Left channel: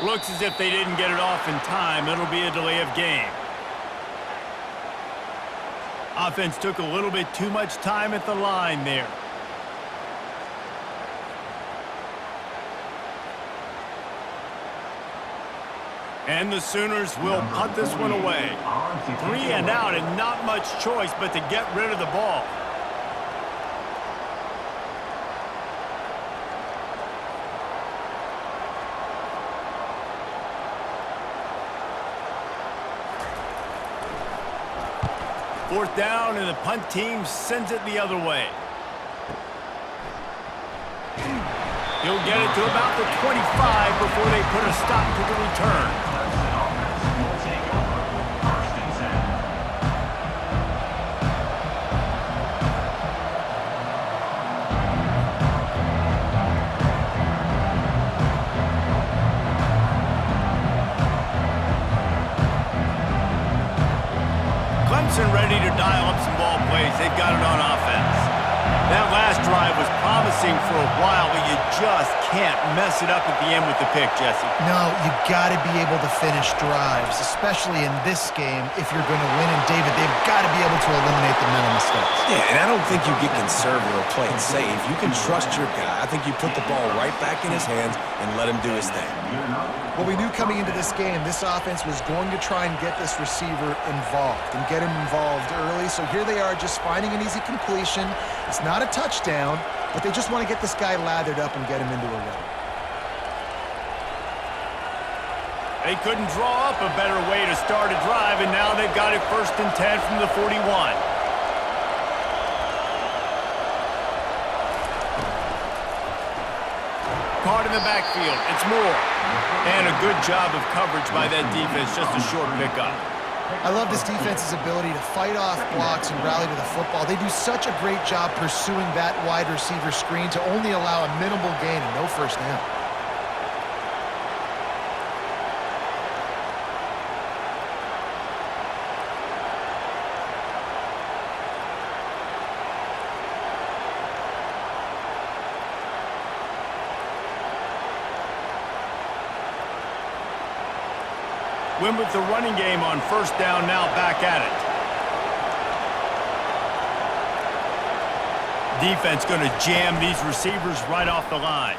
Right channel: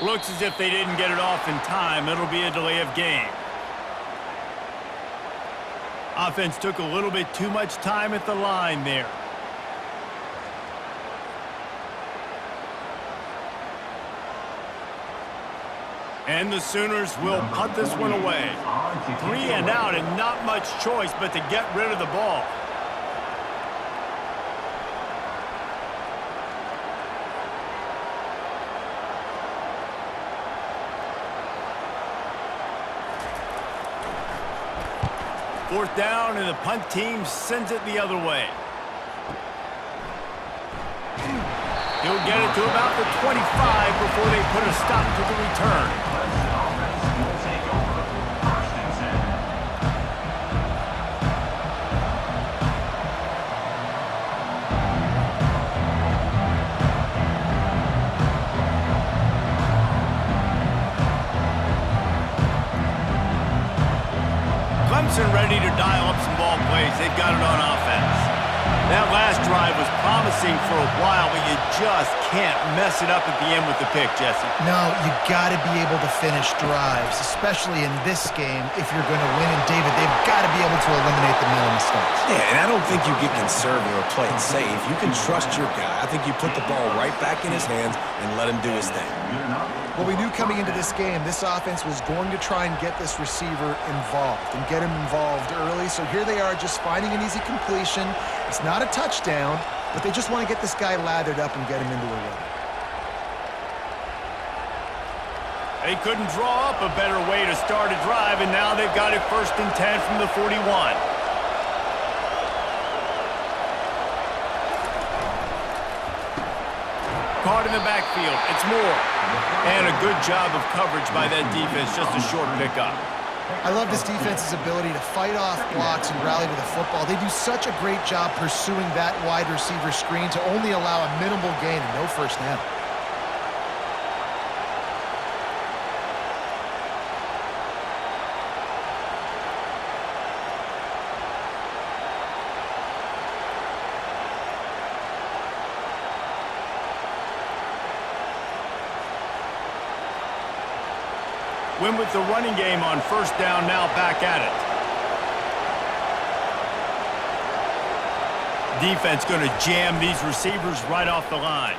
Looks as if they didn't get it off in time. It'll be a delay of game. Offense took a little bit too much time at the line there. And the Sooners will punt this one away. 3 and out and not much choice but to get rid of the ball. Fourth down, and the punt team sends it the other way. He'll get it to about the 25 before they put a stop to the return. Clemson ready to dial up some ball plays. They've got it on offense. That last drive was promising for a while, but you just can't mess it up at the end with the pick, Jesse. No, you got to be able to finish drives, especially in this game if you're going to win. And, David, they've got to be able to eliminate the mental mistakes. Yeah, and I don't think you get conservative or play it safe. You can trust your guy. I think you put the ball right back in his hands and let him do his thing. Well, we knew coming into this game, this offense was going to try and get this receiver involved and get him involved early. So here they are just finding an easy completion. It's not a touchdown, but they just want to get this guy lathered up and get him into a rhythm. They couldn't draw up a better way to start a drive, and now they've got it 1st and 10 from the 41. Caught in the backfield. It's Moore. And a good job of coverage by that defense. Just a short pickup. I love this defense's ability to fight off blocks and rally to the football. They do such a great job pursuing that wide receiver screen to only allow a minimal gain and no first down. Win with the running game on 1st down, now back at it. Defense going to jam these receivers right off the line.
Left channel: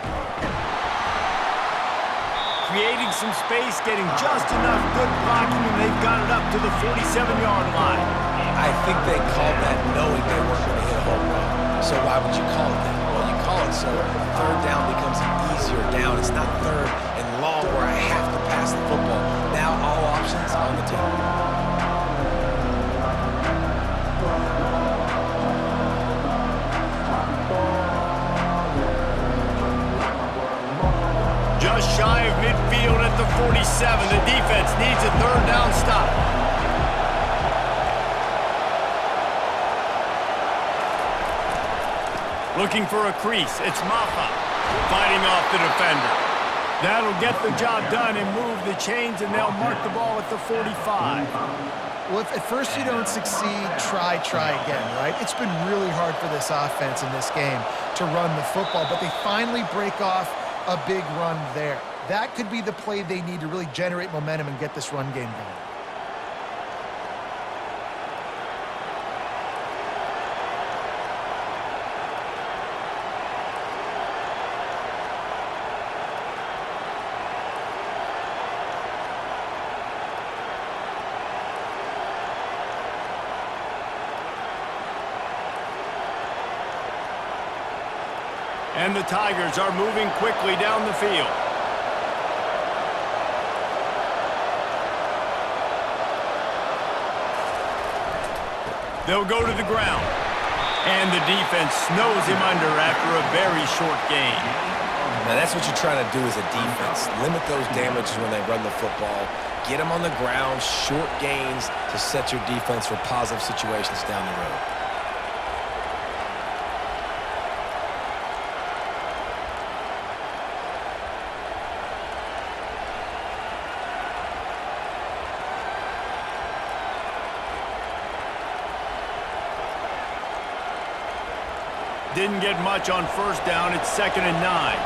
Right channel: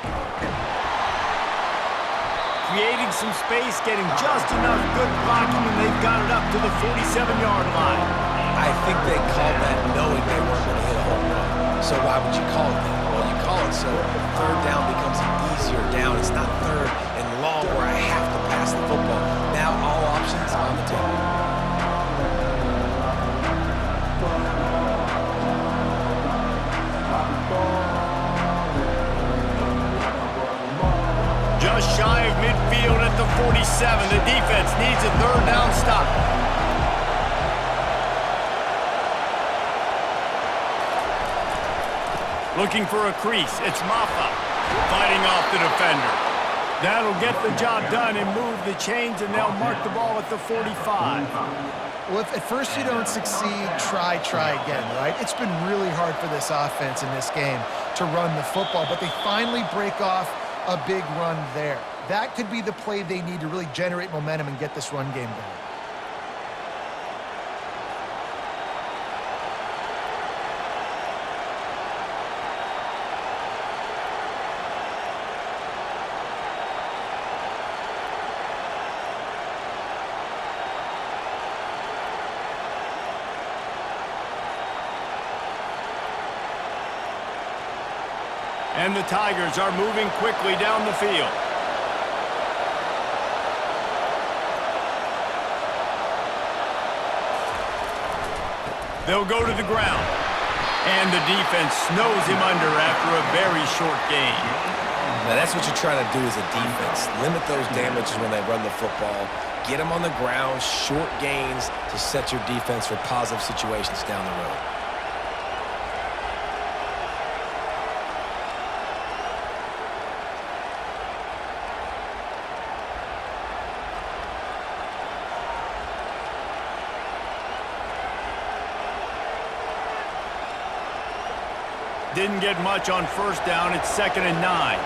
Creating some space, getting just enough good blocking, and they've got it up to the 47-yard line. I think they called that knowing they weren't going to hit a home run. So why would you call it that? Well, you call it so 3rd down becomes an easier down. It's not 3rd and long where I have to pass the football. Now all options on the table. Just shy of midfield at the 47. The defense needs a 3rd down stop. Looking for a crease. It's Maffa fighting off the defender. That'll get the job done and move the chains, and they'll mark the ball at the 45. Well, if at first you don't succeed, try again, right? It's been really hard for this offense in this game to run the football, but they finally break off a big run there. That could be the play they need to really generate momentum and get this run game going. And the Tigers are moving quickly down the field. They'll go to the ground. And the defense snows him under after a very short gain. Now that's what you're trying to do as a defense. Limit those damages when they run the football. Get them on the ground, short gains to set your defense for positive situations down the road. Didn't get much on 1st down. It's 2nd and 9.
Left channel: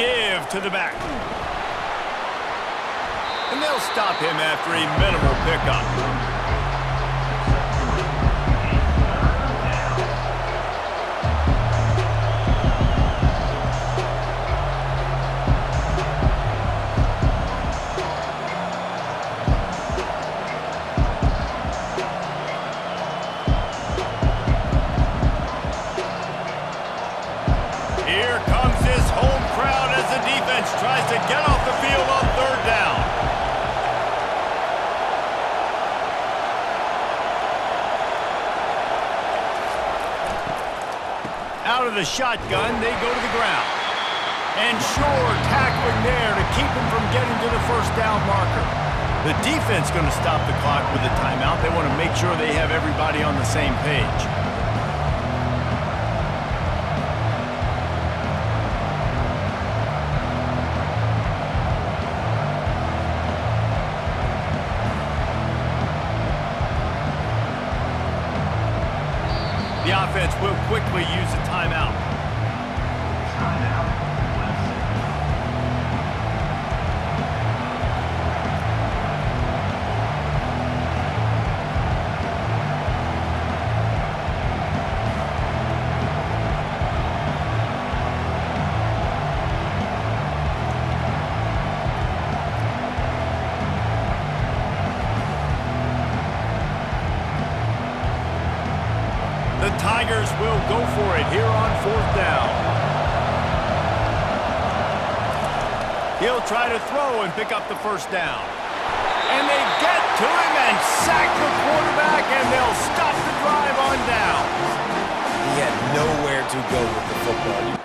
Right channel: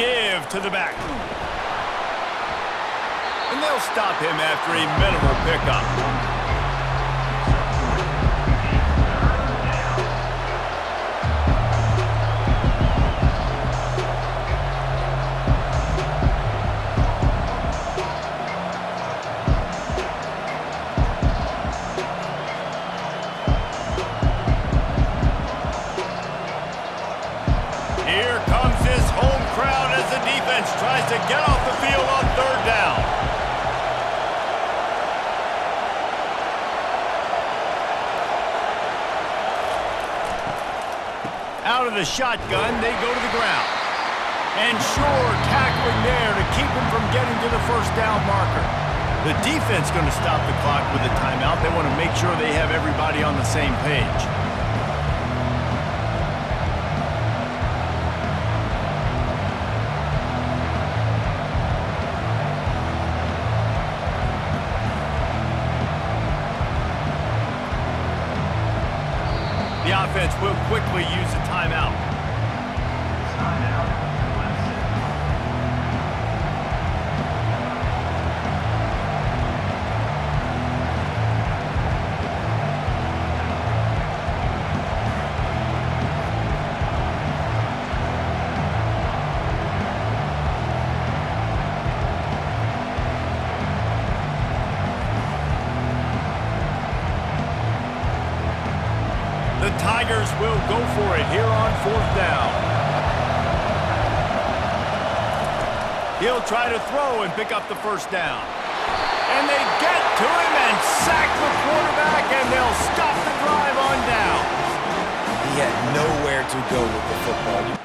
give to the back. And they'll stop him after a minimal pickup. Here comes this home crowd as the defense tries to get off the field on third down. Out of the shotgun, they go to the ground. And sure, tackling there to keep him from getting to the first down marker. The defense going to stop the clock with a timeout. They want to make sure they have everybody on the same page. The offense will quickly use a timeout. Timeout, Clemson. The Tigers will go for it here on fourth down. He'll try to throw and pick up the first down. And they get to him and sack the quarterback, and they'll stop the drive on downs. He had nowhere to go with the football.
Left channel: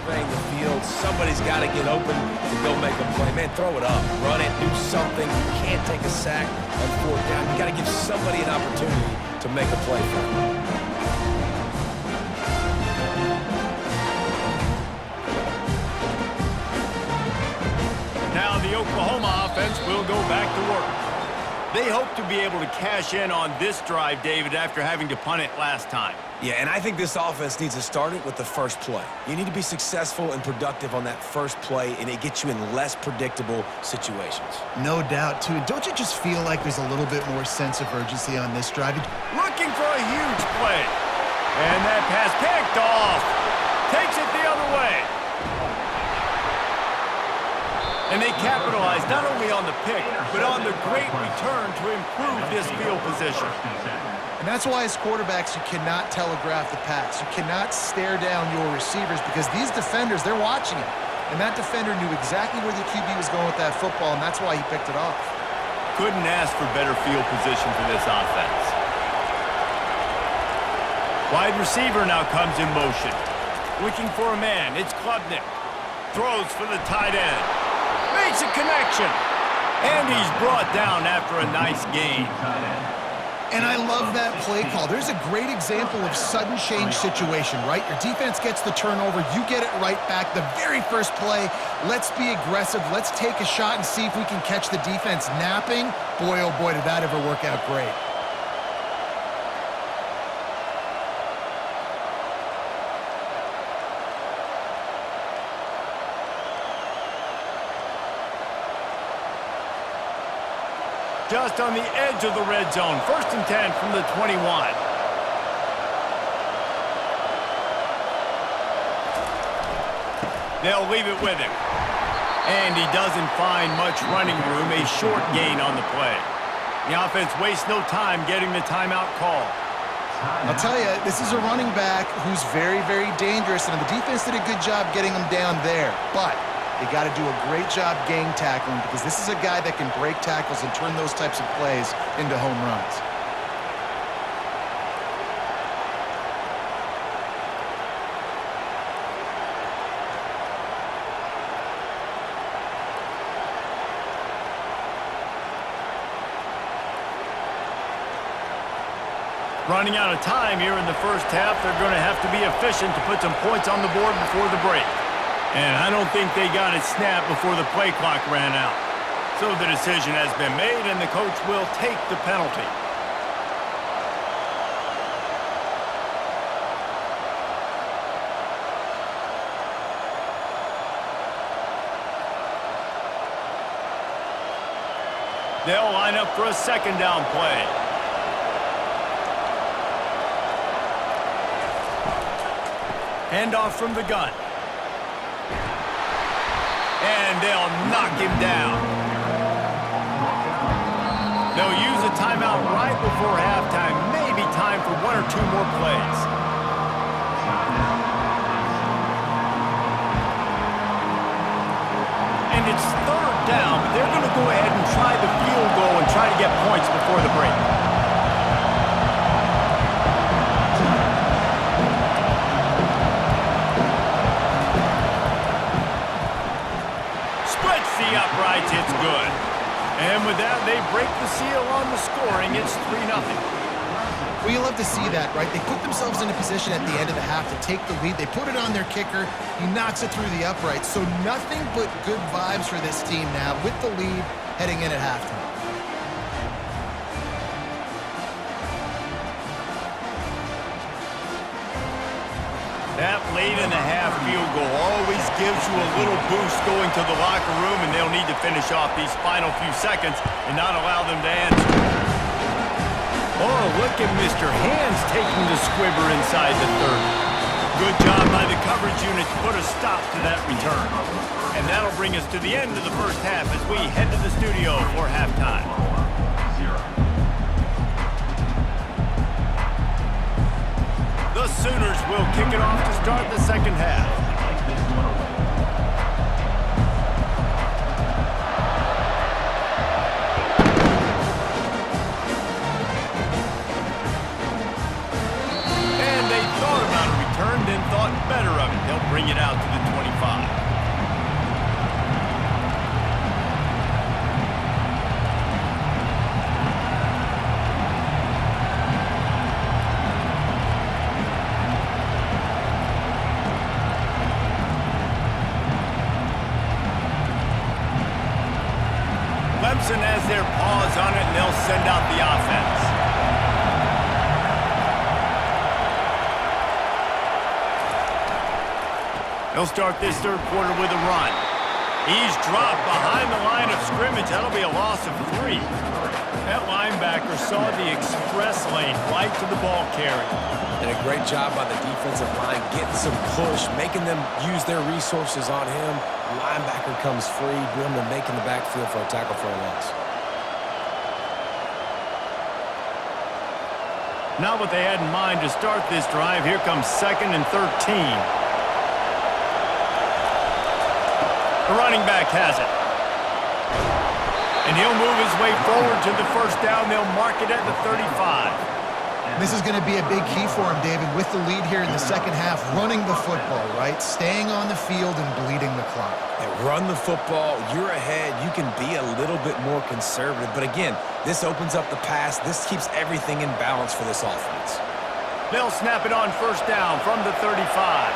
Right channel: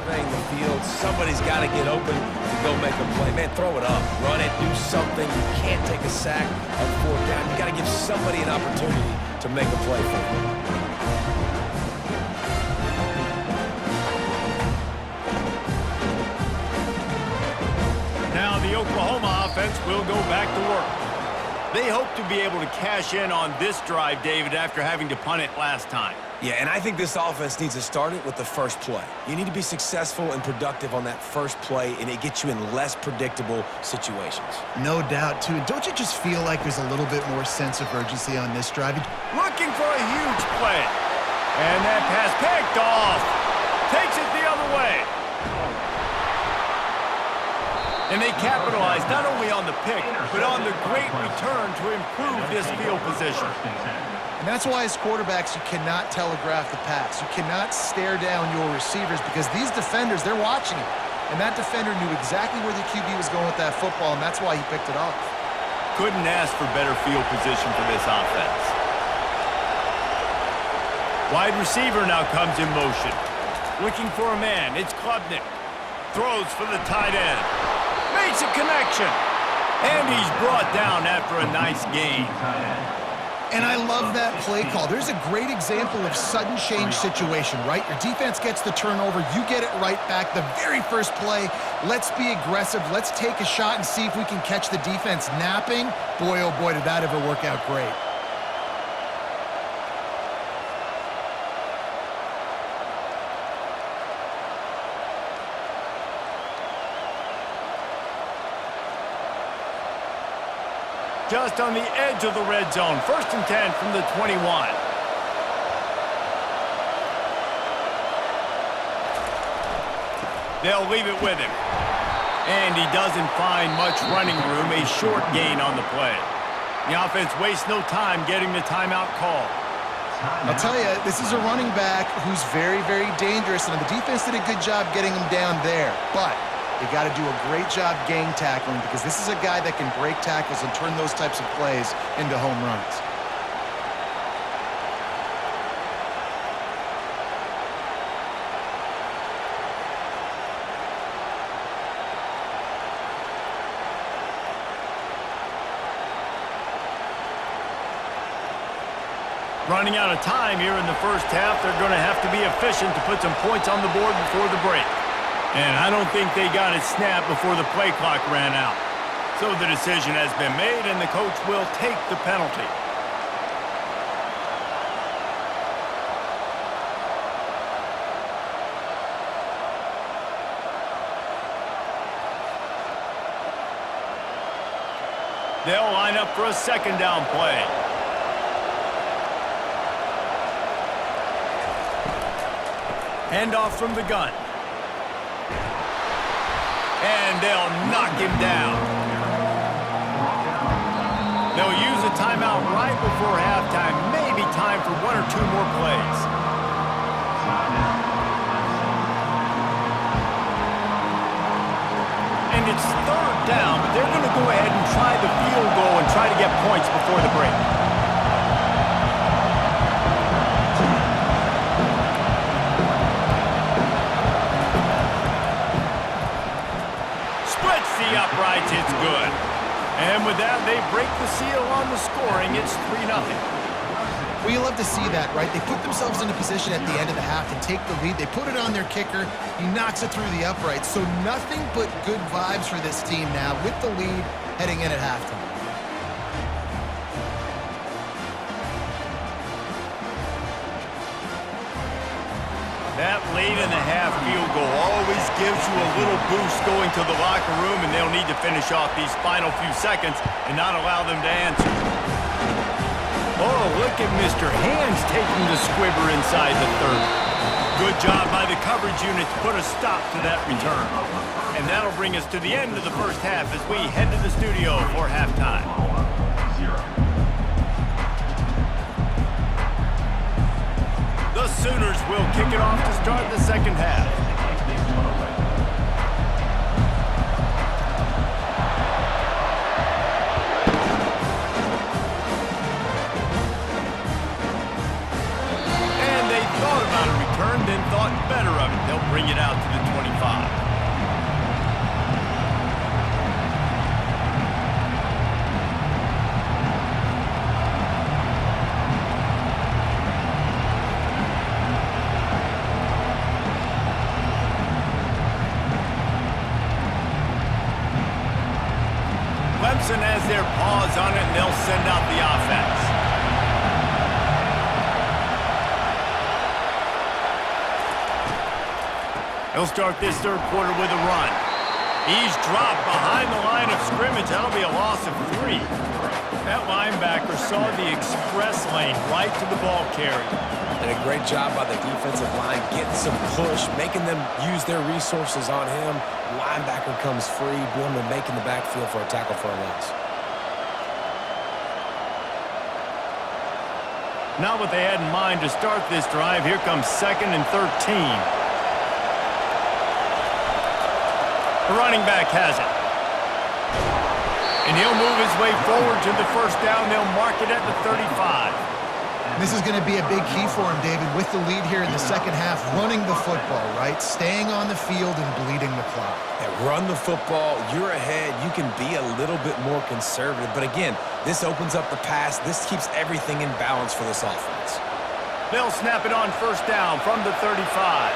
Surveying the field, somebody's got to get open to go make a play. Man, throw it up, run it, do something. You can't take a sack on fourth down. You got to give somebody an opportunity to make a play for you. Now the Oklahoma offense will go back to work. They hope to be able to cash in on this drive, David, after having to punt it last time. Yeah, and I think this offense needs to start it with the first play. You need to be successful and productive on that first play, and it gets you in less predictable situations. No doubt, too. And don't you just feel like there's a little bit more sense of urgency on this drive? Looking for a huge play. And that pass picked off. Takes it the other way. And they capitalize not only on the pick, but on the great return to improve this field position. And that's why as quarterbacks, you cannot telegraph the pass. You cannot stare down your receivers because these defenders, they're watching it. And that defender knew exactly where the QB was going with that football, and that's why he picked it off. Couldn't ask for better field position for this offense. Wide receiver now comes in motion. Looking for a man, it's Klubnik. Throws for the tight end. Makes a connection. And he's brought down after a nice gain. And I love that play call. There's a great example of sudden change situation, right? Your defense gets the turnover. You get it right back. The very first play, let's be aggressive. Let's take a shot and see if we can catch the defense napping. Boy, oh boy, did that ever work out great. Just on the edge of the red zone. 1st and 10 from the 21. They'll leave it with him. And he doesn't find much running room. A short gain on the play. The offense wastes no time getting the timeout called. I'll tell you, this is a running back who's very, very dangerous, and the defense did a good job getting him down there. But they got to do a great job gang tackling because this is a guy that can break tackles and turn those types of plays into home runs. Running out of time here in the first half. They're going to have to be efficient to put some points on the board before the break. And I don't think they got it snapped before the play clock ran out. So the decision has been made, and the coach will take the penalty. They'll line up for a second down play. Handoff from the gun. And they'll knock him down. They'll use a timeout right before halftime. Maybe time for one or two more plays. And it's third down, but they're going to go ahead and try the field goal and try to get points before the break. Splits the uprights, it's good. And with that, they break the seal on the scoring. It's 3-0. Well, you love to see that, right? They put themselves in a position at the end of the half to take the lead. They put it on their kicker. He knocks it through the uprights. So nothing but good vibes for this team now with the lead heading in at halftime. That late-in-the-half field goal always gives you a little boost going to the locker room, and they'll need to finish off these final few seconds and not allow them to answer. Oh, look at Mr. Hands taking the squibber inside the 30. Good job by the coverage unit to put a stop to that return. And that'll bring us to the end of the first half as we head to the studio for halftime. The Sooners will kick it off to start the second half. And they thought about a return, then thought better of it. They'll bring it out to the 25. Clemson has their paws on it, and they'll send out the offense. He'll start this third quarter with a run. He's dropped behind the line of scrimmage. That'll be a loss of 3. That linebacker saw the express lane right to the ball carrier. And a great job by the defensive line getting some push, making them use their resources on him. Linebacker comes free, boom, and making the backfield for a tackle for a loss. Not what they had in mind to start this drive. Here comes 2nd and 13. The running back has it. And he'll move his way forward to the first down. They'll mark it at the 35. This is going to be a big key for him, David, with the lead here in the second half, running the football, right? Staying on the field and bleeding the clock. And run the football, you're ahead, you can be a little bit more conservative. But again, this opens up the pass. This keeps everything in balance for this offense. They'll snap it on first down from the 35.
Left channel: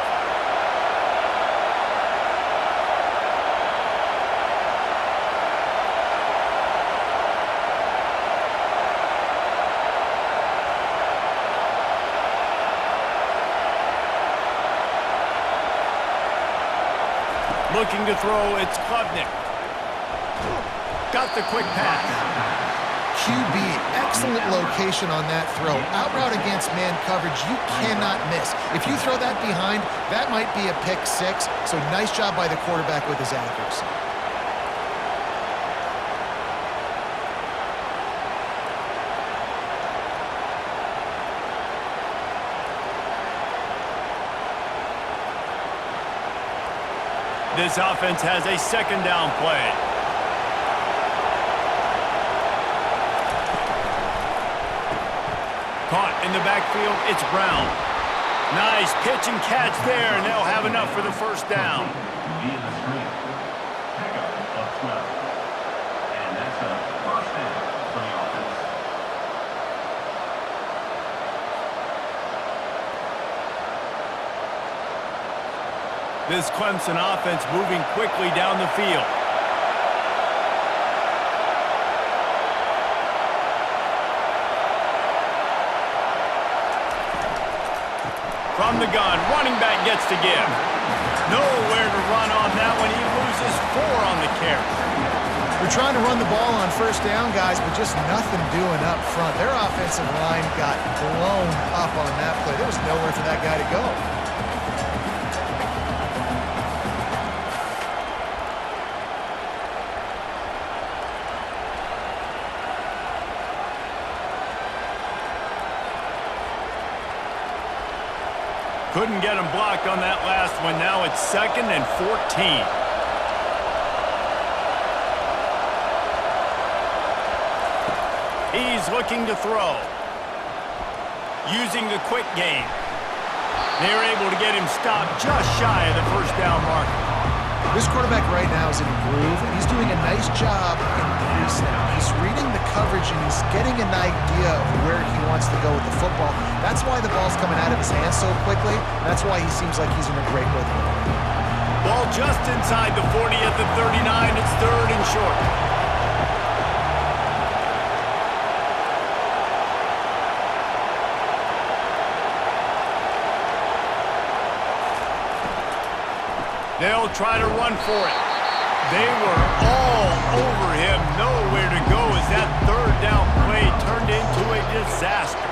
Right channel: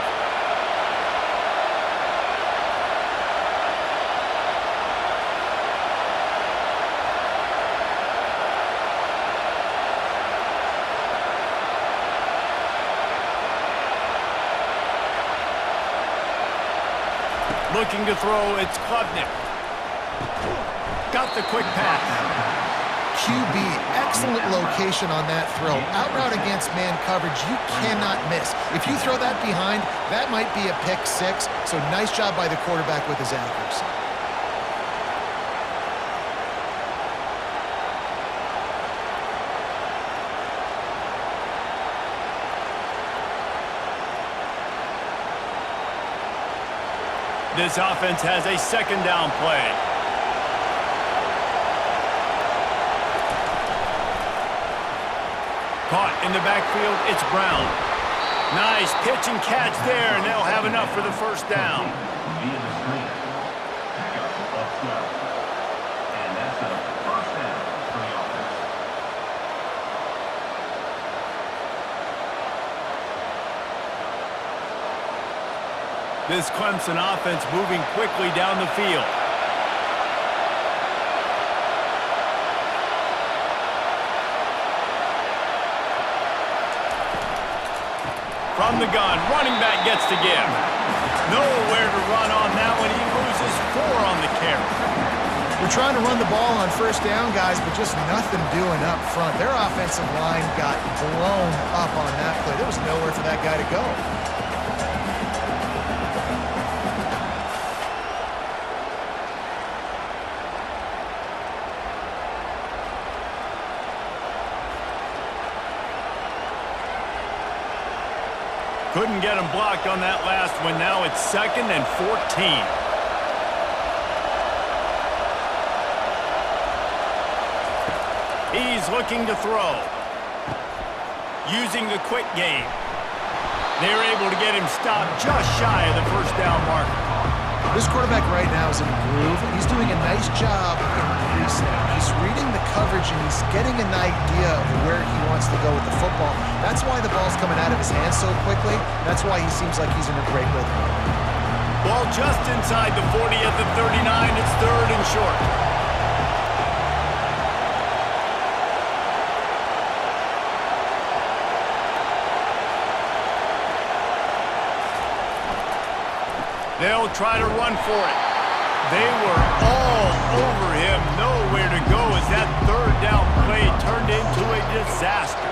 Looking to throw, it's Klubnik. Got the quick pass. QB, excellent location on that throw. Out route against man coverage, you cannot miss. If you throw that behind, that might be a pick 6. So nice job by the quarterback with his accuracy. This offense has a second down play. Caught in the backfield, it's Brown. Nice pitch and catch there, and they'll have enough for the first down. Via the screen. Pickup of 12. And that's a first down for the offense. This Clemson offense moving quickly down the field. From the gun, running back gets to give. Nowhere to run on that one. He loses 4 on the carry. They're trying to run the ball on first down, guys, but just nothing doing up front. Their offensive line got blown up on that play. There was nowhere for that guy to go. Couldn't get him blocked on that last one. Now it's 2nd and 14. He's looking to throw. Using the quick game. They're able to get him stopped just shy of the first down marker. This quarterback right now is in a groove, and he's doing a nice job in pre-snap. He's reading the coverage, and he's getting an idea of where he wants to go with the football. That's why the ball's coming out of his hands so quickly. That's why he seems like he's in a great rhythm. Ball just inside the 40 at the 39. It's 3rd and short. They'll try to run for it. They were all over him. Nowhere to go as that 3rd down play turned into a disaster.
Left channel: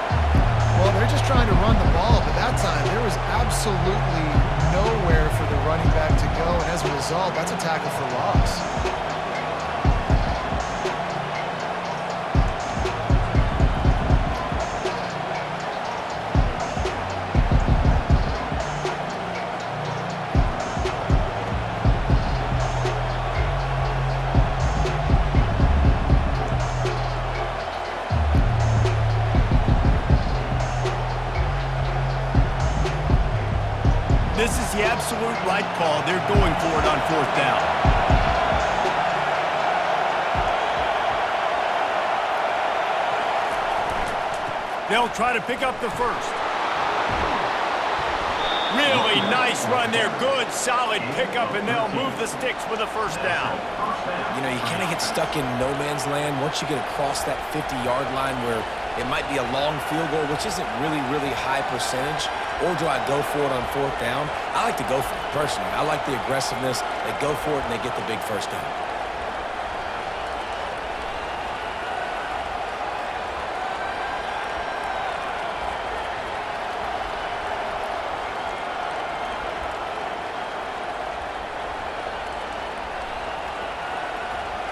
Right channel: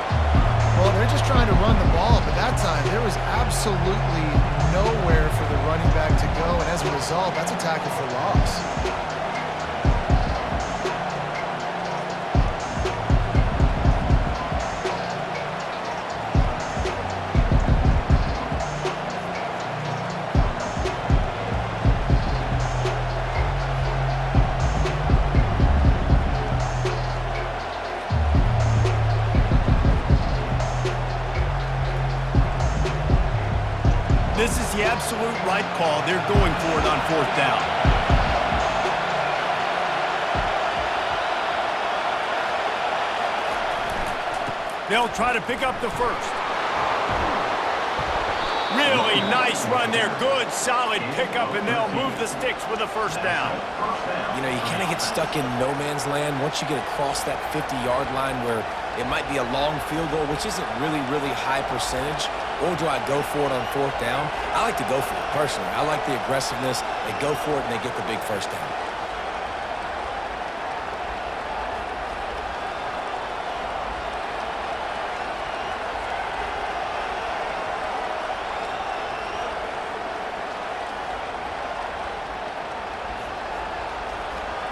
Well, they're just trying to run the ball, but that time there was absolutely nowhere for the running back to go, and as a result, that's a tackle for loss. This is the absolute right call. They're going for it on 4th down. They'll try to pick up the first. Really nice run there. Good, solid pickup, and they'll move the sticks with a first down. You know, you kind of get stuck in no man's land once you get across that 50-yard line where it might be a long field goal, which isn't really high percentage. Or do I go for it on 4th down? I like to go for it, personally. I like the aggressiveness. They go for it, and they get the big first down.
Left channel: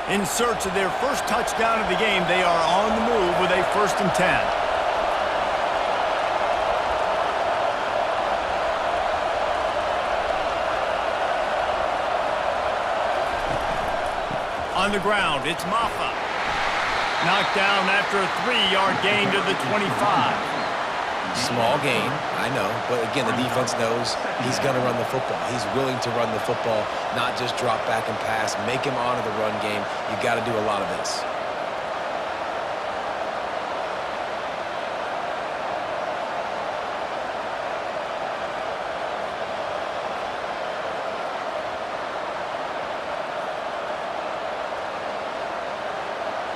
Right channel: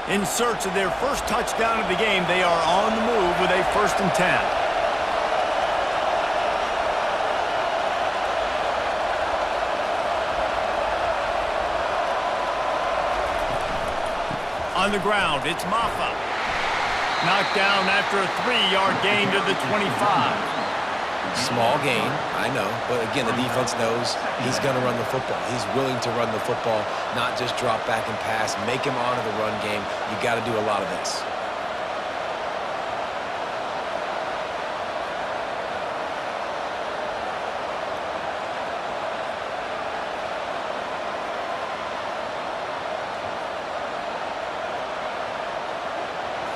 In search of their first touchdown of the game, they are on the move with a 1st and 10. On the ground, it's Maffa. Knocked down after a 3-yard gain to the 25. Small gain, I know, but again, the defense knows he's going to run the football. He's willing to run the football, not just drop back and pass, make him honor the run game. You got to do a lot of this.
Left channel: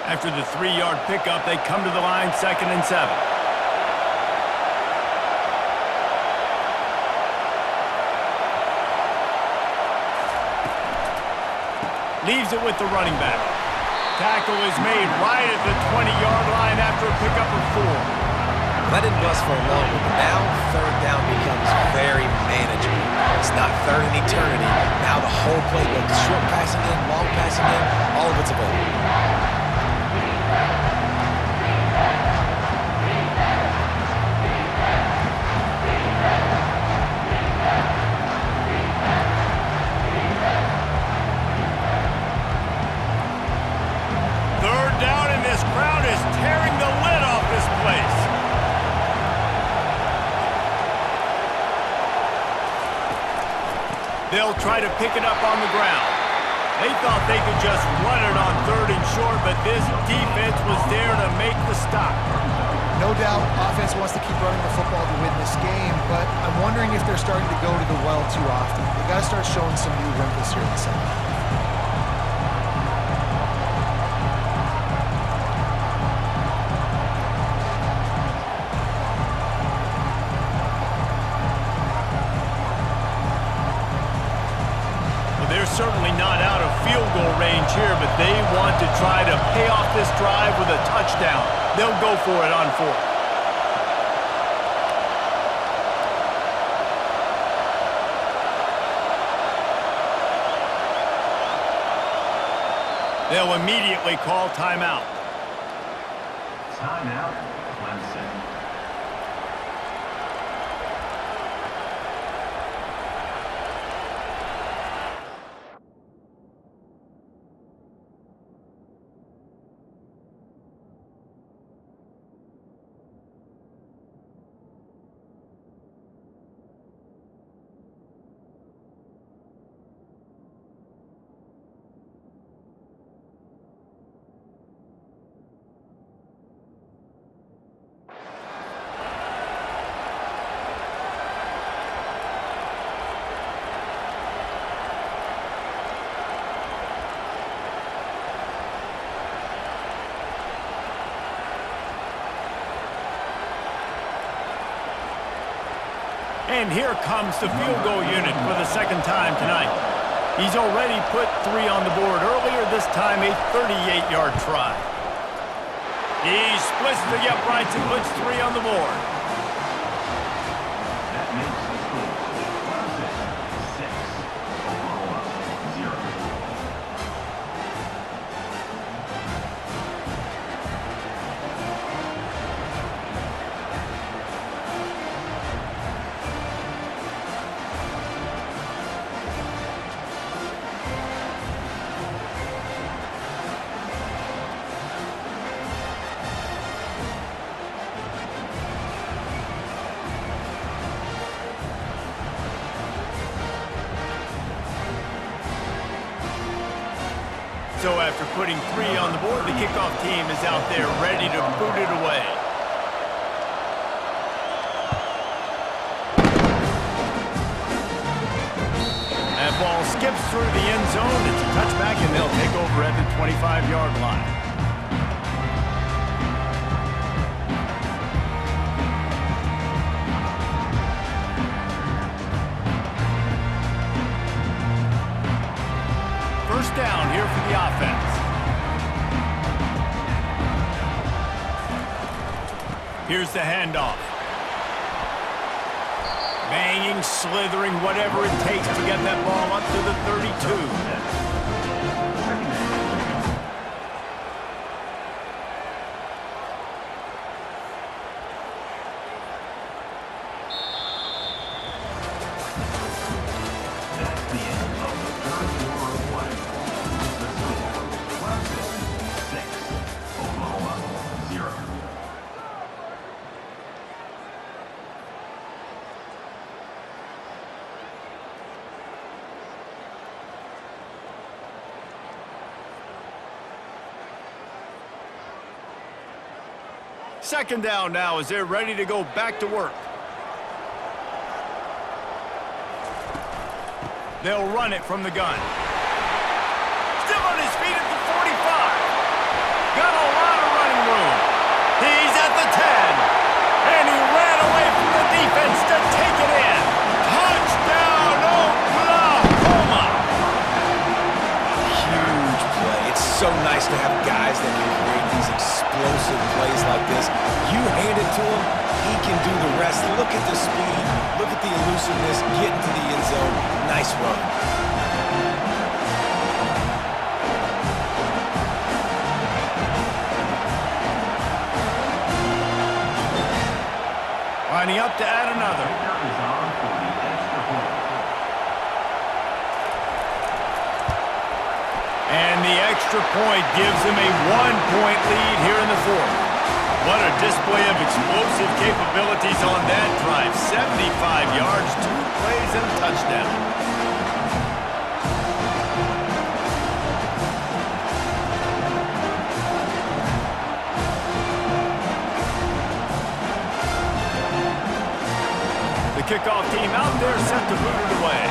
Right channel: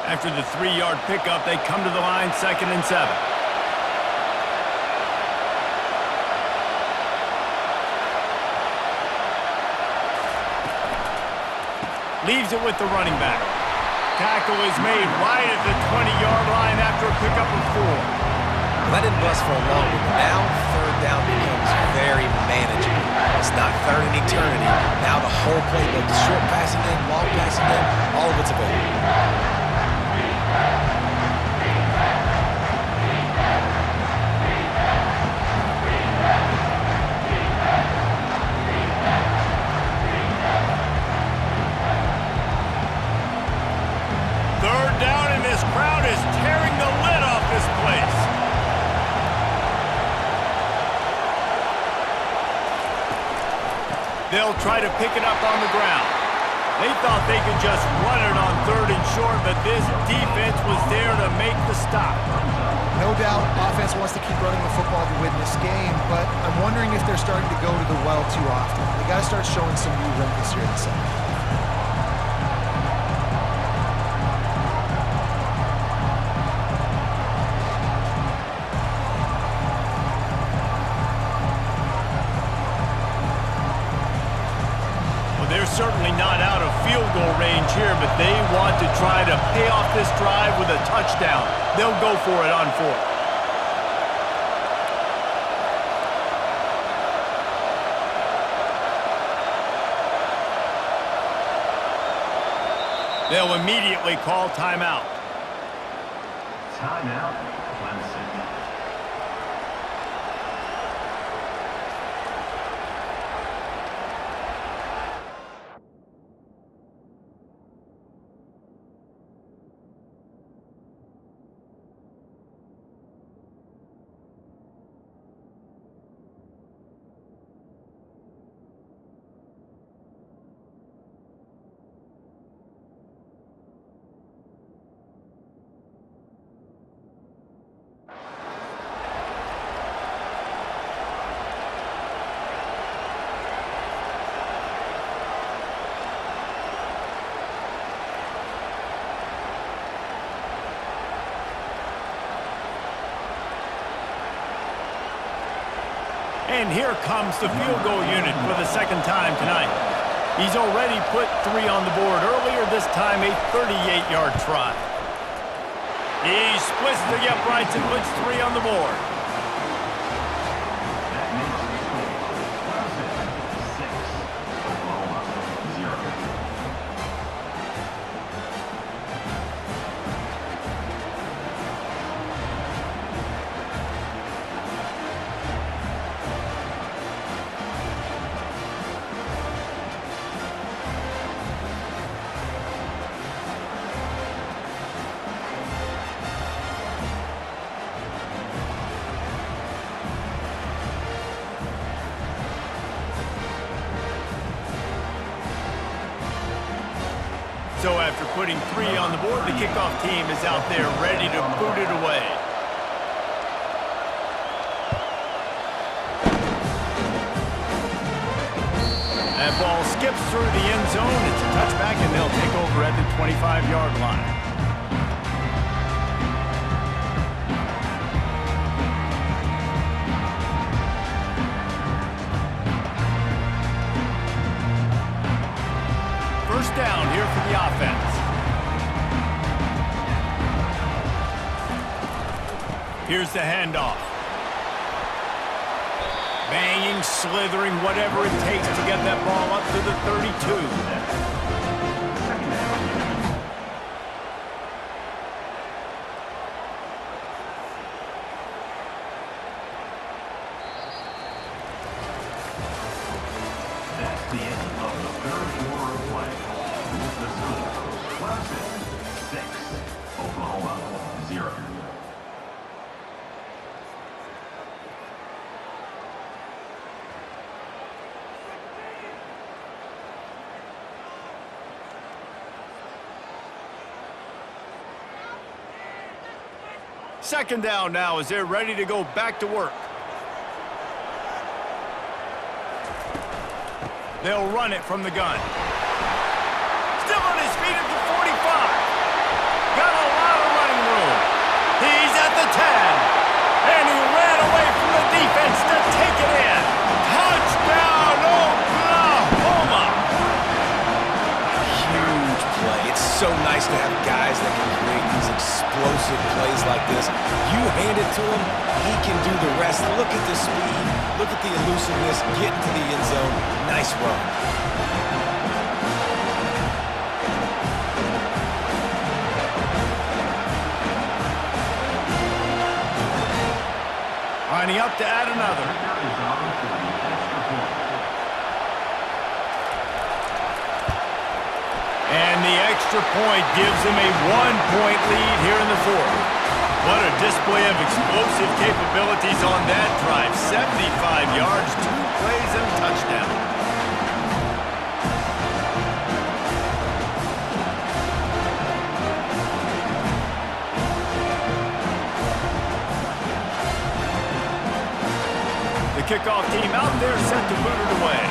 After the 3-yard pickup, they come to the line, 2nd and 7. Leaves it with the running back. Tackle is made right at the 20-yard line after a pickup of 4. That didn't bust for a long one, but now 3rd down becomes very manageable. It's not 3rd and eternity. Now the whole playbook, short passing game, long passing game, all of it's available. This crowd is tearing the lid off this place. They'll try to pick it up on the ground. They thought they could just run it on 3rd and short, but this defense was there to make the stop. No doubt, offense wants to keep running the football to win this game, but I'm wondering if like they're starting to go to the well too often. They got to start showing some new wrinkles here in the second half. They're certainly not out of field goal range here, but they want to try to pay off this drive with a touchdown. They'll go for it on fourth. They'll immediately call timeout. Timeout, Clemson. And here comes the field goal unit for the second time tonight. He's already put 3 on the board earlier, this time a 38-yard try. He splits the uprights and puts 3 on the board. That makes the score Clemson 6, Oklahoma 0. So after putting 3 on the board, the kickoff team is out there ready to boot it away. That ball skips through the end zone. It's a touchback, and they'll take over at the 25-yard line. First down here for the offense. Here's the handoff. Banging, slithering, whatever it takes to get that ball up to the 32. That's the end of the third quarter of play. The score, Clemson 6, Oklahoma 0. Second down now as they're ready to go back to work. They'll run it from the gun. Still on his feet at the 45. Got a lot of running room. He's at the 10. And he ran away from the defense to take it in. Touchdown, Oklahoma! Huge play. It's so nice to have guys that can create these explosive plays like this. You hand it to him, he can do the rest. Look at the speed. Look at the elusiveness. Get into the end zone. Nice run. Lining up to add another. Kicker is on for the extra point. And the extra point gives them a 1-point lead here in the fourth. What a display of explosive capabilities on that drive. 75 yards, 2 plays, and a touchdown. The kickoff team out there set to boot it away.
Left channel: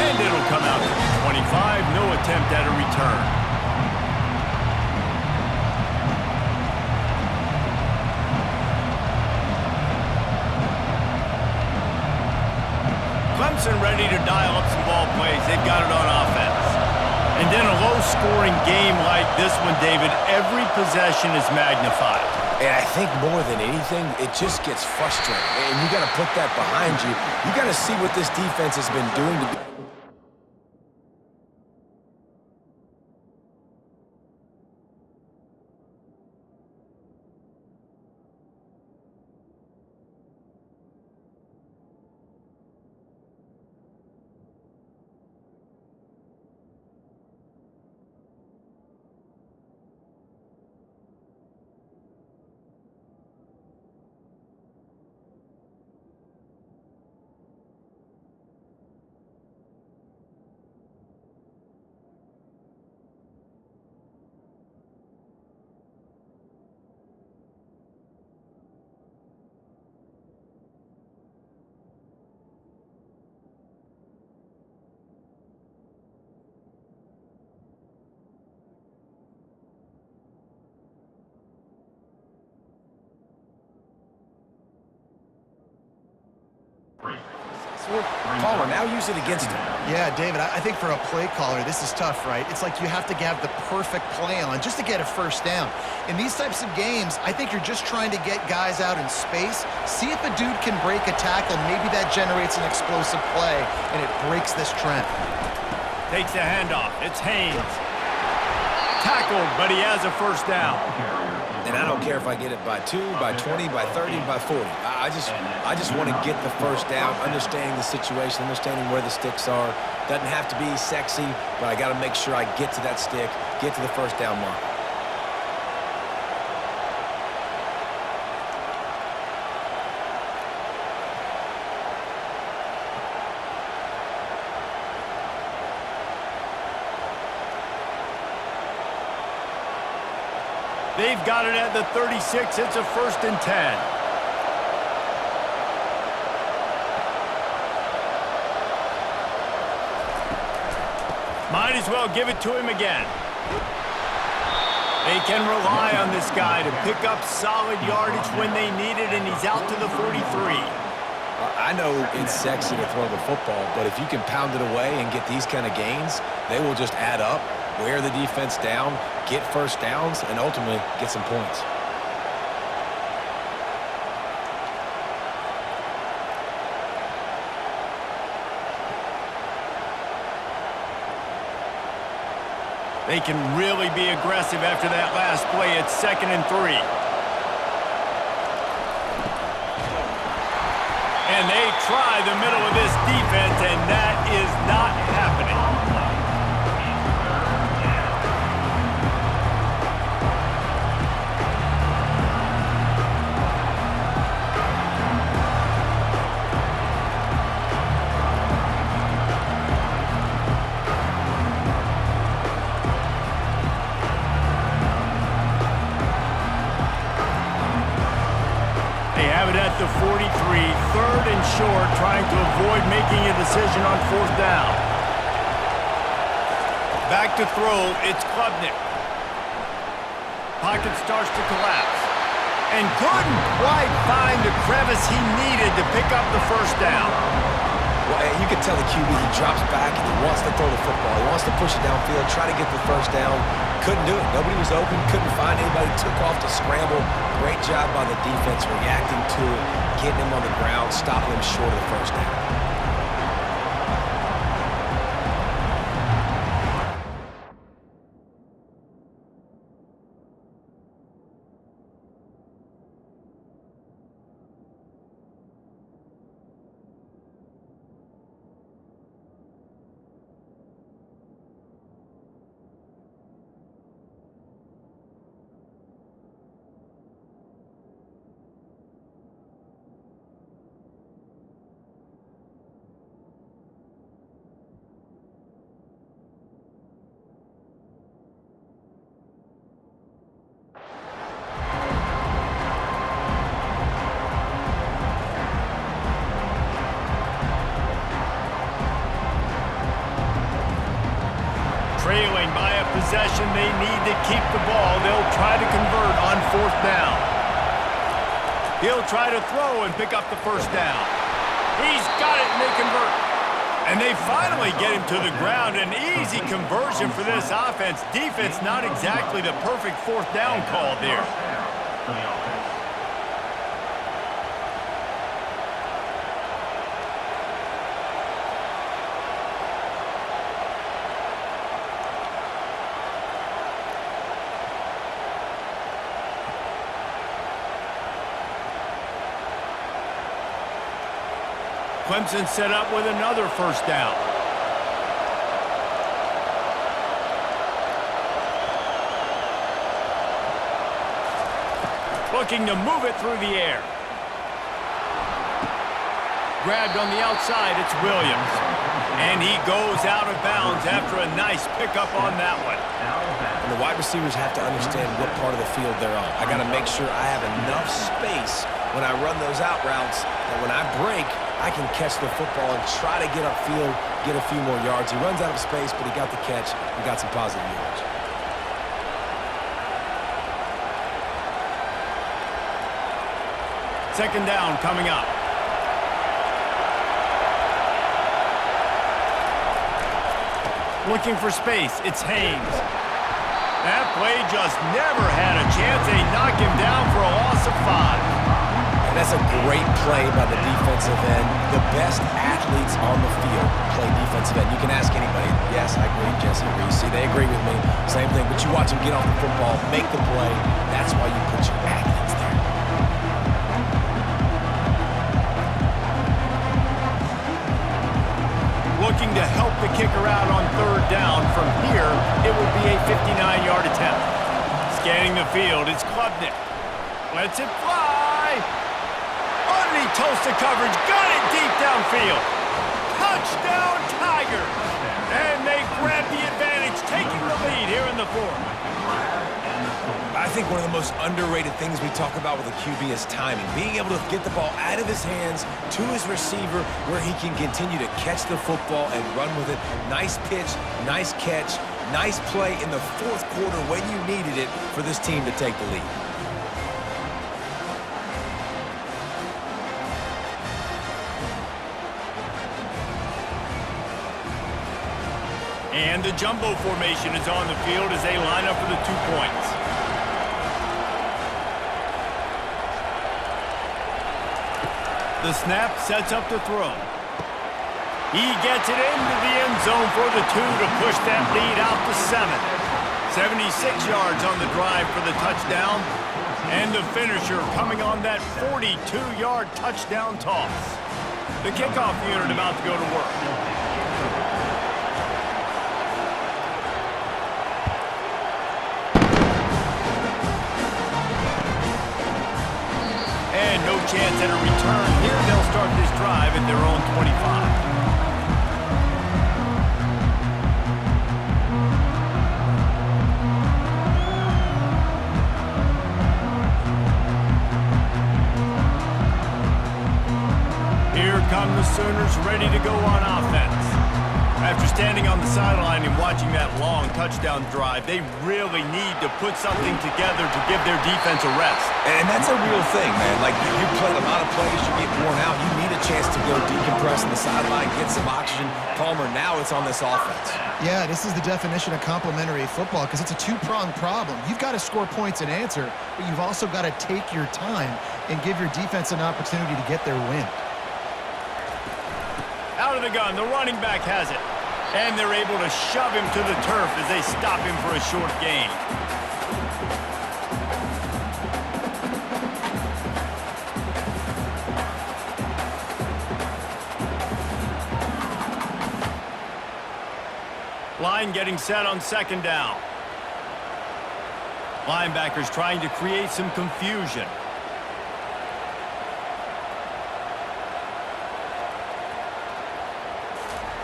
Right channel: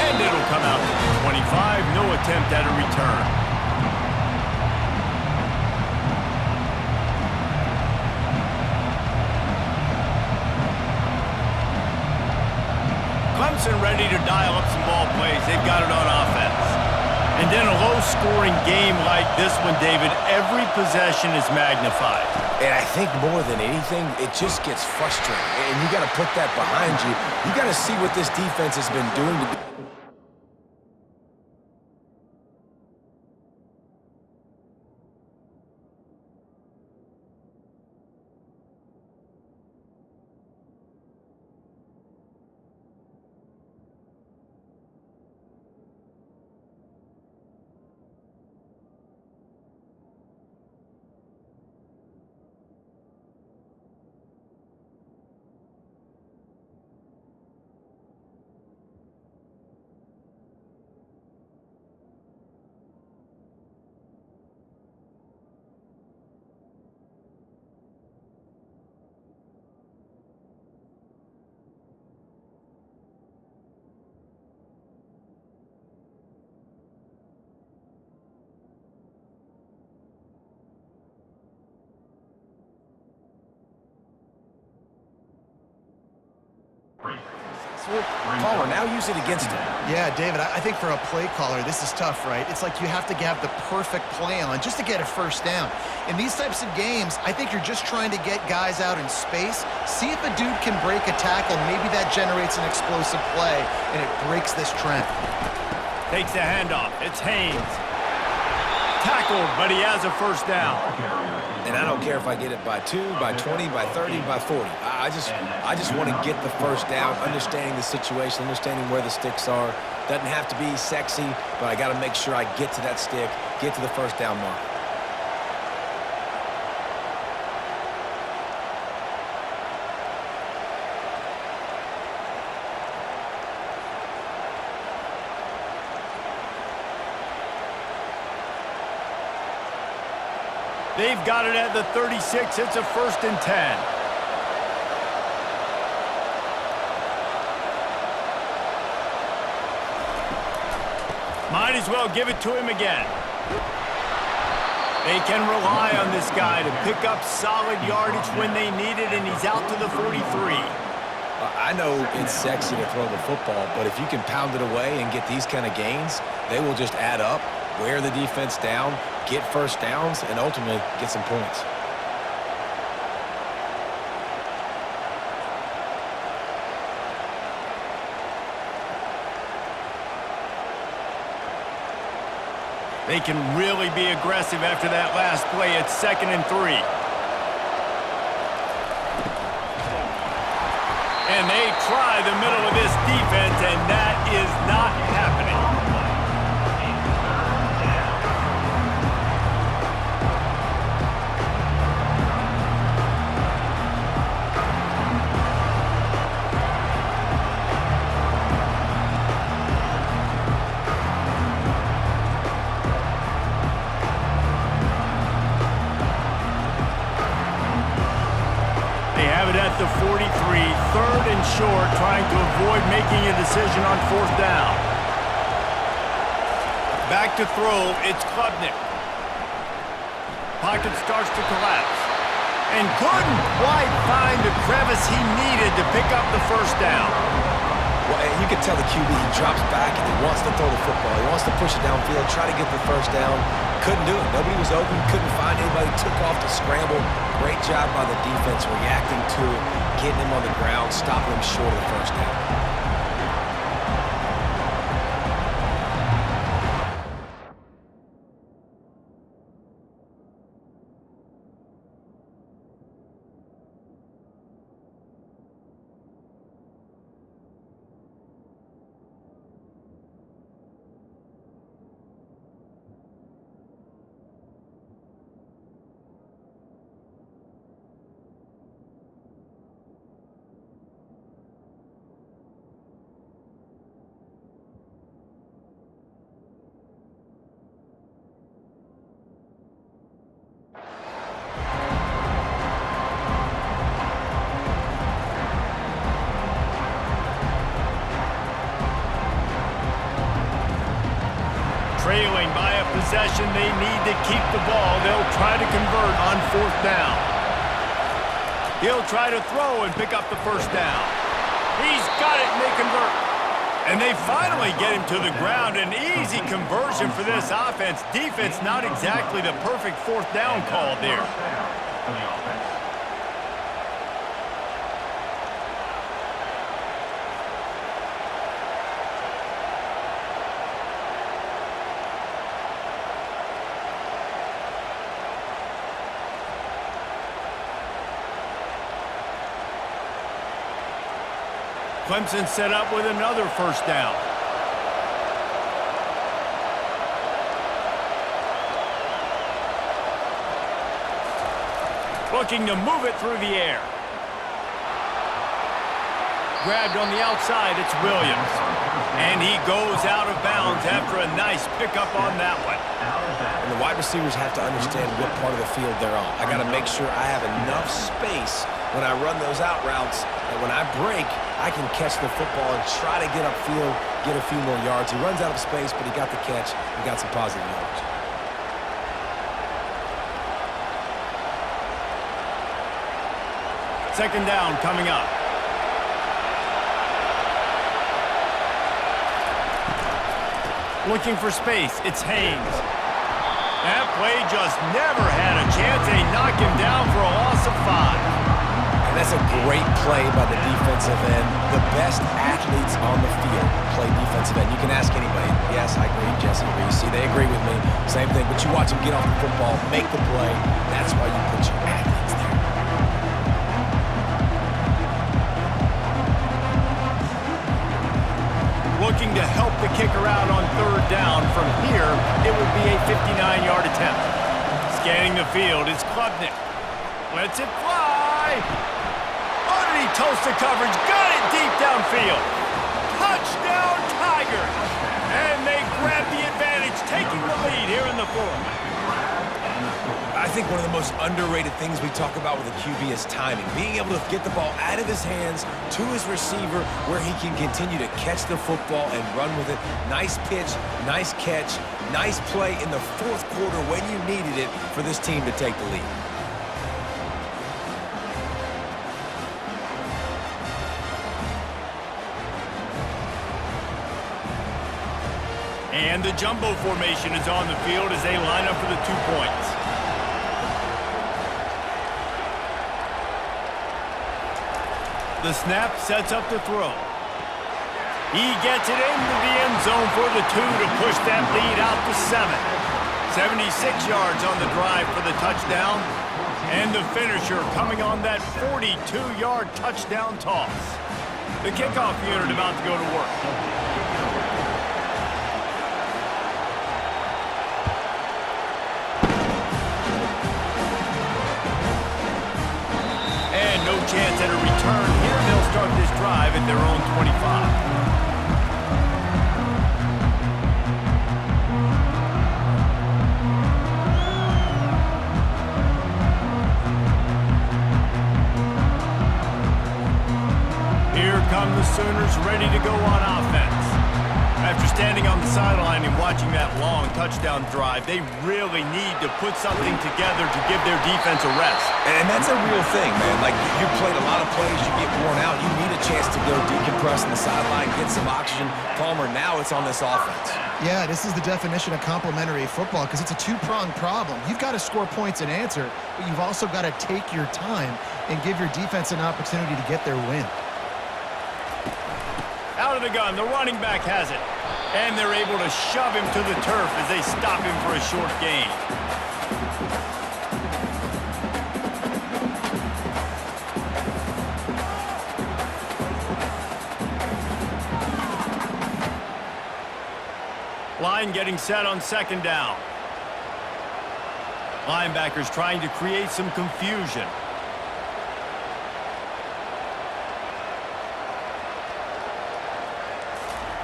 And it'll come out to the 25. No attempt at a return. Clemson ready to dial up some ball plays. They've got it on offense. And in a low-scoring game like this one, David, every possession is magnified. And I think more than anything, it just gets frustrating. And you got to put that behind you. You got to see what this defense has been doing to be. Caller, now use it against him. Yeah, David, I think for a play caller, this is tough, right? It's like you have to have the perfect play on just to get a first down. In these types of games, I think you're just trying to get guys out in space, see if a dude can break a tackle. Maybe that generates an explosive play, and it breaks this trend. Takes the handoff. It's Haynes. Tackled, but he has a first down. And I don't care if I get it by 2, by 20, by 30, by 40. I just want to get the first down, understanding the situation, understanding where the sticks are. Doesn't have to be sexy, but I got to make sure I get to that stick, get to the first down mark. They've got it at the 36. It's a 1st and 10. Might as well give it to him again. They can rely on this guy to pick up solid yardage when they need it, and he's out to the 43. I know it's sexy to throw the football, but if you can pound it away and get these kind of gains, they will just add up, wear the defense down, get first downs, and ultimately get some points. They can really be aggressive after that last play. It's 2nd and 3. And they try the middle of this defense, and that is not happening. At the 43, 3rd and short, trying to avoid making a decision on 4th down. Back to throw, it's Klubnik. Pocket starts to collapse. And couldn't quite find the crevice he needed to pick up the first down. Well, you can tell the QB, he drops back and he wants to throw the football. He wants to push it downfield, try to get the first down. Couldn't do it. Nobody was open, couldn't find anybody, took off to scramble. Great job by the defense reacting to it, getting him on the ground, stopping him short of the first down. behind by a possession they need to keep the ball. They'll try to convert on 4th down. He'll try to throw and pick up the 1st down. He's got it, and they convert. And they finally get him to the ground. An easy conversion for this offense. Defense, not exactly the perfect 4th down call there. For the offense. Clemson set up with another 1st down. Looking to move it through the air. Grabbed on the outside, it's Williams. And he goes out of bounds after a nice pickup on that one. And the wide receivers have to understand what part of the field they're on. I got to make sure I have enough space when I run those out routes that when I break, I can catch the football and try to get upfield, get a few more yards. He runs out of space, but he got the catch and got some positive yards. Second down coming up. Looking for space, it's Haynes. That play just never had a chance. They knock him down for a loss of 5. And that's a great play by the defensive end. The best athletes on the field play defensive end. You can ask anybody. Yes, I agree, Jesse Reese. See, they agree with me. Same thing. But you watch them get off the football, make the play. That's why you put your athletes there. Looking to help the kicker out on 3rd down. From here, it would be a 59-yard attempt. Scanning the field, it's Klubnik. Lets it fly. Underneath Tulsa coverage, got it deep downfield. Touchdown, Tigers! And they grab the advantage, taking the lead here in the 4th. I think one of the most underrated things we talk about with a QB is timing. Being able to get the ball out of his hands to his receiver where he can continue to catch the football and run with it. Nice pitch, nice catch, nice play in the 4th quarter when you needed it for this team to take the lead. And the jumbo formation is on the field as they line up for the 2 points. The snap sets up the throw. He gets it into the end zone for the 2 to push that lead out to 7. 76 yards on the drive for the touchdown. And the finisher coming on that 42-yard touchdown toss. The kickoff unit about to go to work. And no chance at a return here. They'll start this drive at their own 25. Here come the Sooners ready to go on offense. After standing on the sideline and watching that long touchdown drive, they really need to put something together to give their defense a rest. And that's a real thing, man. Like, you played a lot of plays, you get worn out, you need a chance to go decompress on the sideline, get some oxygen. Palmer, now it's on this offense. Yeah, this is the definition of complementary football because it's a two-pronged problem. You've got to score points and answer, but you've also got to take your time and give your defense an opportunity to get their win. Out of the gun, the running back has it. And they're able to shove him to the turf as they stop him for a short gain. Line getting set on 2nd down. Linebackers trying to create some confusion.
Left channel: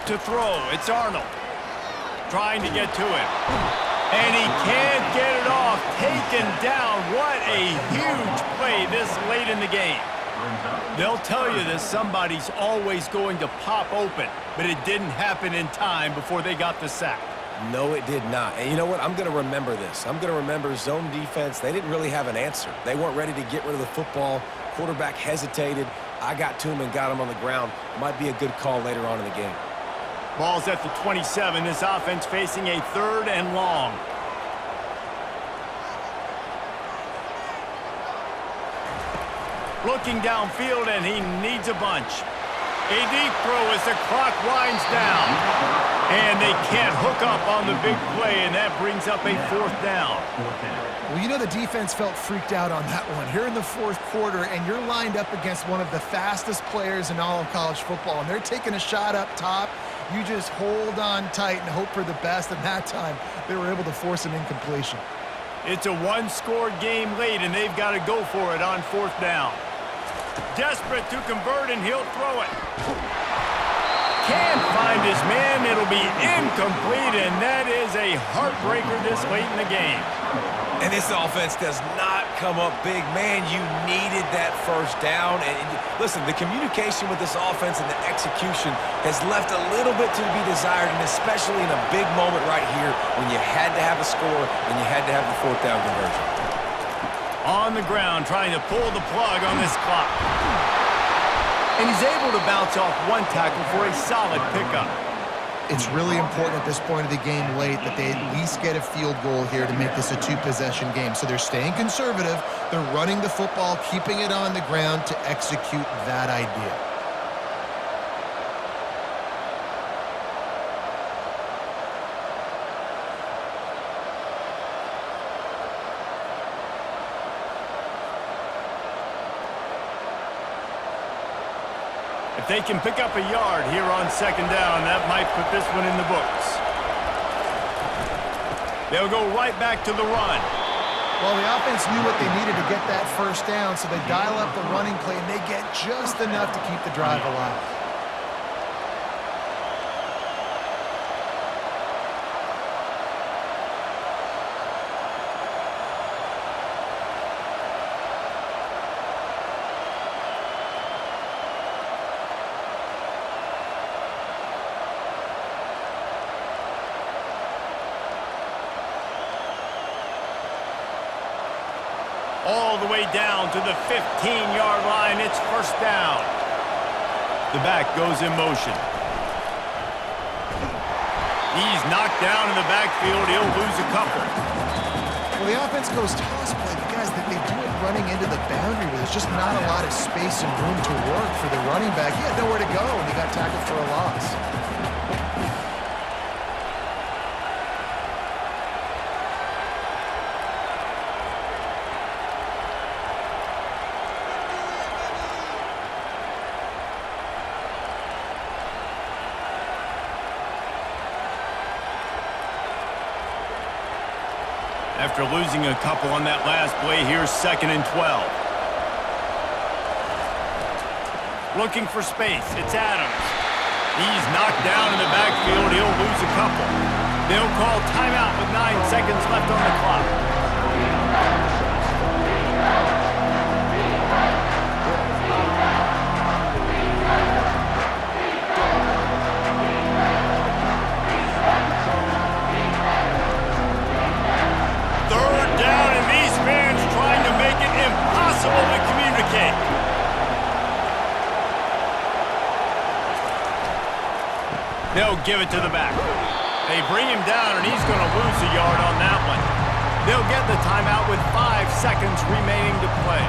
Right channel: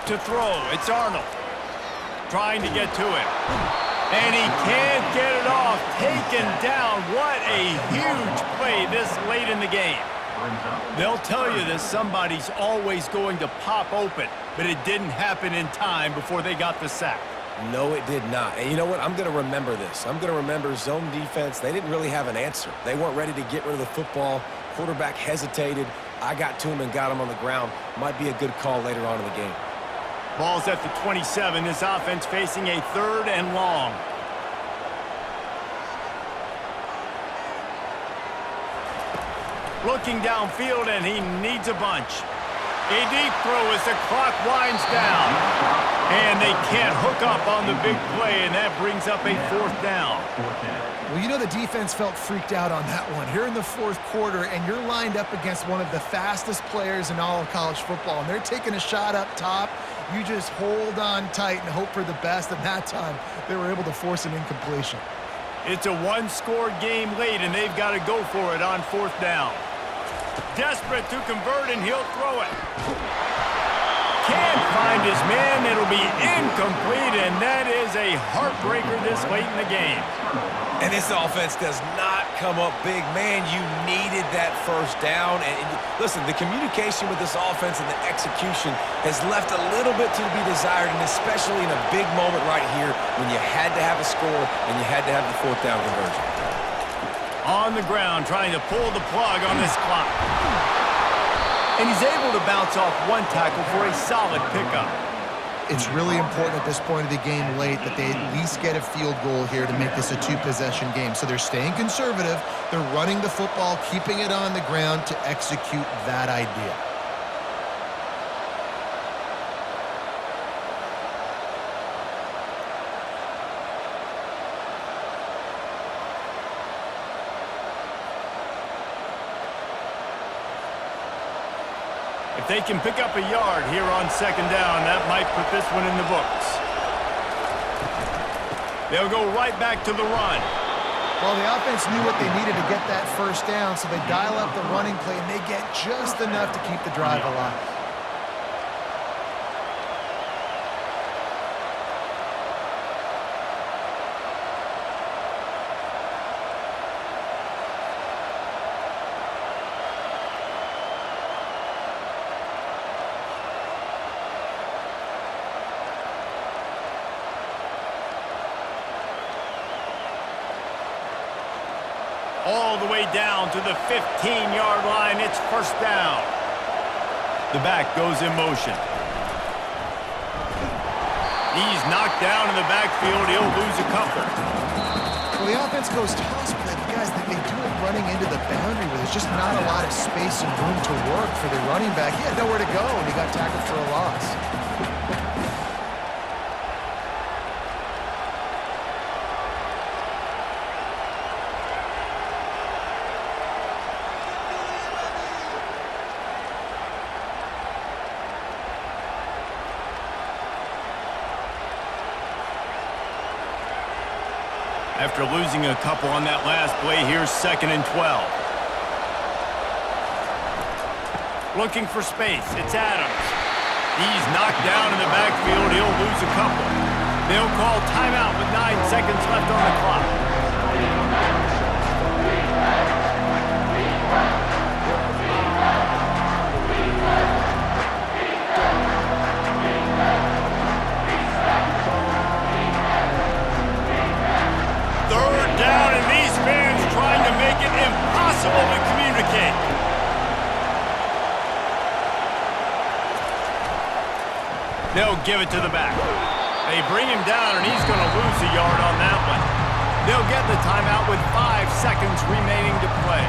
To throw, it's Arnold. Trying to get to him. And he can't get it off. Taken down. What a huge play this late in the game. They'll tell you this, somebody's always going to pop open, but it didn't happen in time before they got the sack. No, it did not. And you know what? I'm going to remember this. I'm going to remember zone defense. They didn't really have an answer. They weren't ready to get rid of the football. Quarterback hesitated. I got to him and got him on the ground. Might be a good call later on in the game. Ball's at the 27. This offense facing a 3rd and long. Looking downfield, and he needs a bunch. A deep throw as the clock winds down. And they can't hook up on the big play, and that brings up a 4th down. Well, you know the defense felt freaked out on that one. Here in the 4th quarter, and you're lined up against one of the fastest players in all of college football, and they're taking a shot up top. You just hold on tight and hope for the best, and that time they were able to force an incompletion. It's a 1-score game late, and they've got to go for it on 4th down. Desperate to convert, and he'll throw it. Can't find his man. It'll be incomplete, and that is a heartbreaker this late in the game. And this offense does not come up big. Man, you needed that 1st down. And listen, the communication with this offense and the execution has left a little bit to be desired, and especially in a big moment right here when you had to have a score and you had to have the 4th down conversion. On the ground, trying to pull the plug on this clock. And he's able to bounce off 1 tackle for a solid pickup. It's really important at this point of the game late that they at least get a field goal here to make this a 2-possession game. So they're staying conservative. They're running the football, keeping it on the ground to execute that idea. If they can pick up a yard here on 2nd down, that might put this one in the books. They'll go right back to the run. Well, the offense knew what they needed to get that 1st down, so they dial up the running play, and they get just enough to keep the drive alive. All the way down to the 15-yard line. It's 1st down. The back goes in motion. He's knocked down in the backfield. He'll lose a couple. Well, the offense goes toss play, but guys, they do it running into the boundary where there's just not a lot of space and room to work for the running back. He had nowhere to go, and he got tackled for a loss. After losing a couple on that last play, here's 2nd and 12. Looking for space. It's Adams. He's knocked down in the backfield. He'll lose a couple. They'll call timeout with 9 seconds left on the clock. Down, and these fans trying to make it impossible to communicate. They'll give it to the back. They bring him down, and he's going to lose a yard on that one. They'll get the timeout with 5 seconds remaining to play.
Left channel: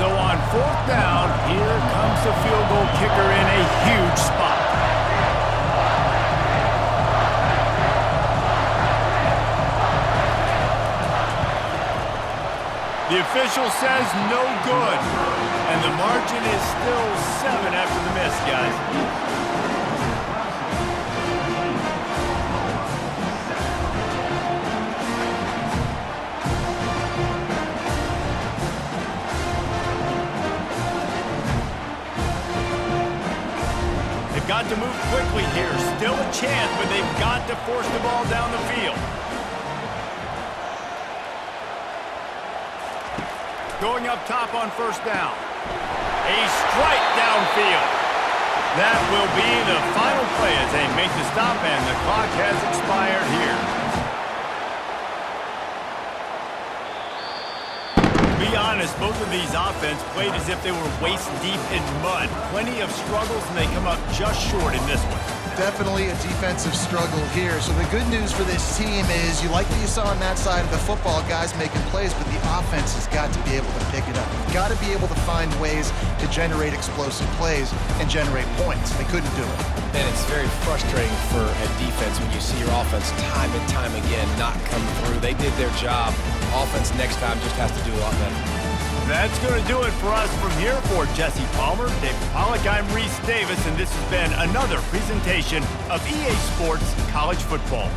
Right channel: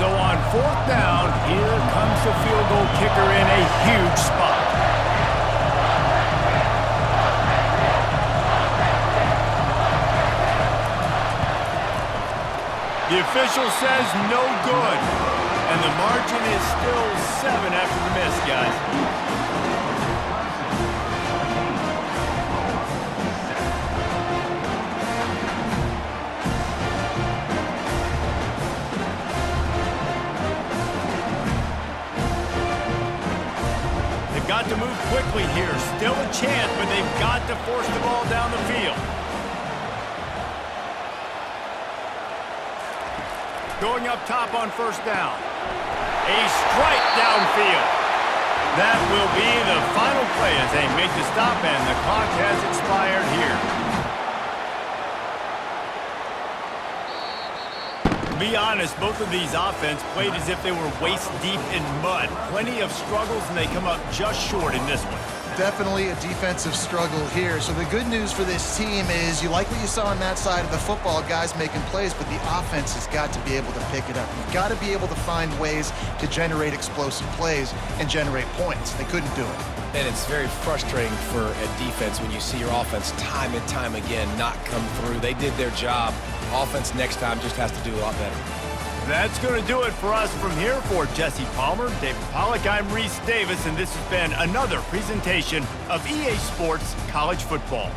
So on 4th down, here comes the field goal kicker in a huge spot. The official says no good, and the margin is still 7 after the miss, guys. Got to move quickly here. Still a chance, but they've got to force the ball down the field. going up top on first down. A strike downfield. That will be the final play as they make the stop, and the clock has expired here. To be honest, both of these offenses played as if they were waist deep in mud. Plenty of struggles, and they come up just short in this one. Definitely a defensive struggle here. So the good news for this team is you like what you saw on that side of the football, guys making plays, but the offense has got to be able to pick it up. You've got to be able to find ways to generate explosive plays and generate points. They couldn't do it. And it's very frustrating for a defense when you see your offense time and time again not come through. They did their job. Offense next time just has to do a lot better. That's going to do it for us from here. For Jesse Palmer, David Pollack, I'm Reese Davis, and this has been another presentation of EA Sports College Football.